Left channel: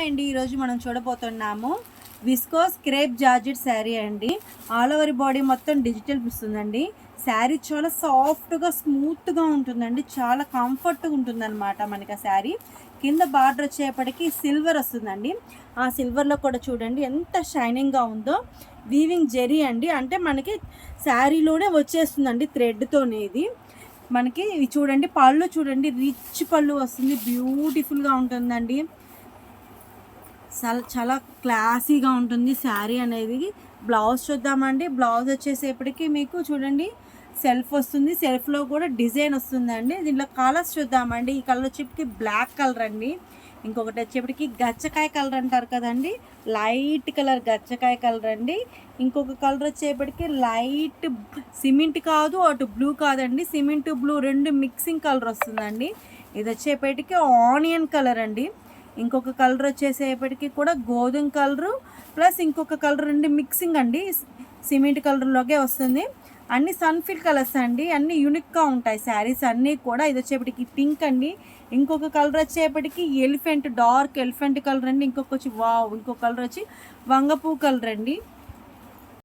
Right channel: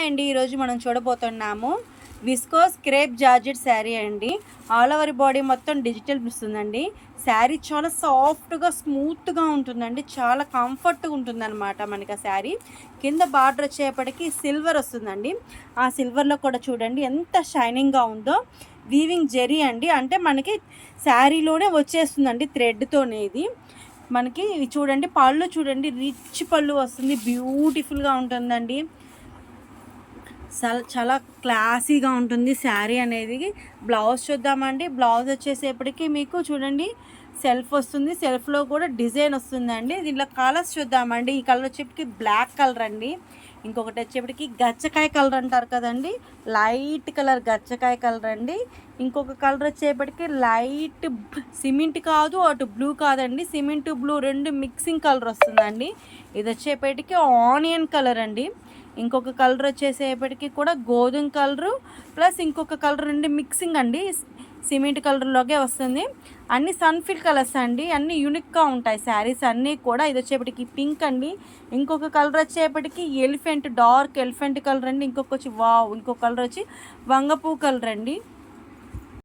Hi అండి. ఈరోజు మనం చూడబోతున్నాము విస్కోస్ క్రేప్ జార్జెట్ శారీ అండి. ఆల్ ఓవర్ బాడీ మొత్తం డిజిటల్ వస్తుందండి. శారీ చాలా సాఫ్ట్గా స్మూత్గా ఉంటుందండి. చాలా కంఫర్ట్గా ఉంటుందన్నమాట మనకి ఆ శారీ. కింద బార్డర్ వచ్చేపటికి సిల్వర్ వస్తుందండి. ఆ సిల్వర్లో కూడా చూడండి ఎంత షైనింగ్గా ఉందో. వీవింగ్ జెరీ అండి, అంటే మనకి శారీలోనే వచ్చేస్తుందండి థ్రెడ్తోనే. ఇది మనకి చూడండి, పళ్ళు చూడండి, రిచ్ పళ్ళు వస్తుంది, బ్యూటిఫుల్గా ఉంటుందండి. చాలా క్లాసీగా ఉంటుంది శారీ అనేది. బ్లౌజ్ చూద్దామండి. బ్లౌజ్ వచ్చేసేపటికి మీకు చూడండి సెల్ఫ్ వస్తుంది, సెల్ఫ్లో కూడా డిజైన్ వస్తుందండి. దీంట్లో కలర్స్ చూద్దామండి. ఈ కలర్ వచ్చేప్పటికి బ్లాక్ కలర్ అండి. ఇంకొకటి వచ్చేప్పటికి గచ్చకాయ కలర్ అంటారు కదండి, లైట్ కలర్ గచ్చకాయ కలర్ అండి. ఇంకొక కలర్ వచ్చేప్పటికి లైట్ సిమెంట్ కాదు, అటు బ్లూ కాదండి, సిమెంట్ బ్లూ రెండు మిక్సింగ్ కలర్ వస్తుందండి. ఇది వచ్చేపటికి ఆనియన్ కలర్ అండి. ఇంకొక కలర్ వచ్చేసేపటికి కూడా గోధుమ కలరు ప్లస్ ఇంకొక కలర్ రెండు మిక్సింగ్ అండి, సిమెంట్ కలర్లోకే వస్తుంది. అన్ని సన్ఫిల్ కలర్స్ అండి, అన్నీ యూనిక్గా ఉంటాయి శారీస్ అన్నీ కూడా. ఇది వచ్చేపటికి పింక్ అండి. ఇంకొక కలర్ వచ్చేపటికి ఎలిఫెంట్, డార్క్ ఎలిఫెంట్ కలర్ అండి. ఇంకొక వచ్చి ఇంకొక కలర్ వచ్చి వంగపూ కలర్ అండి.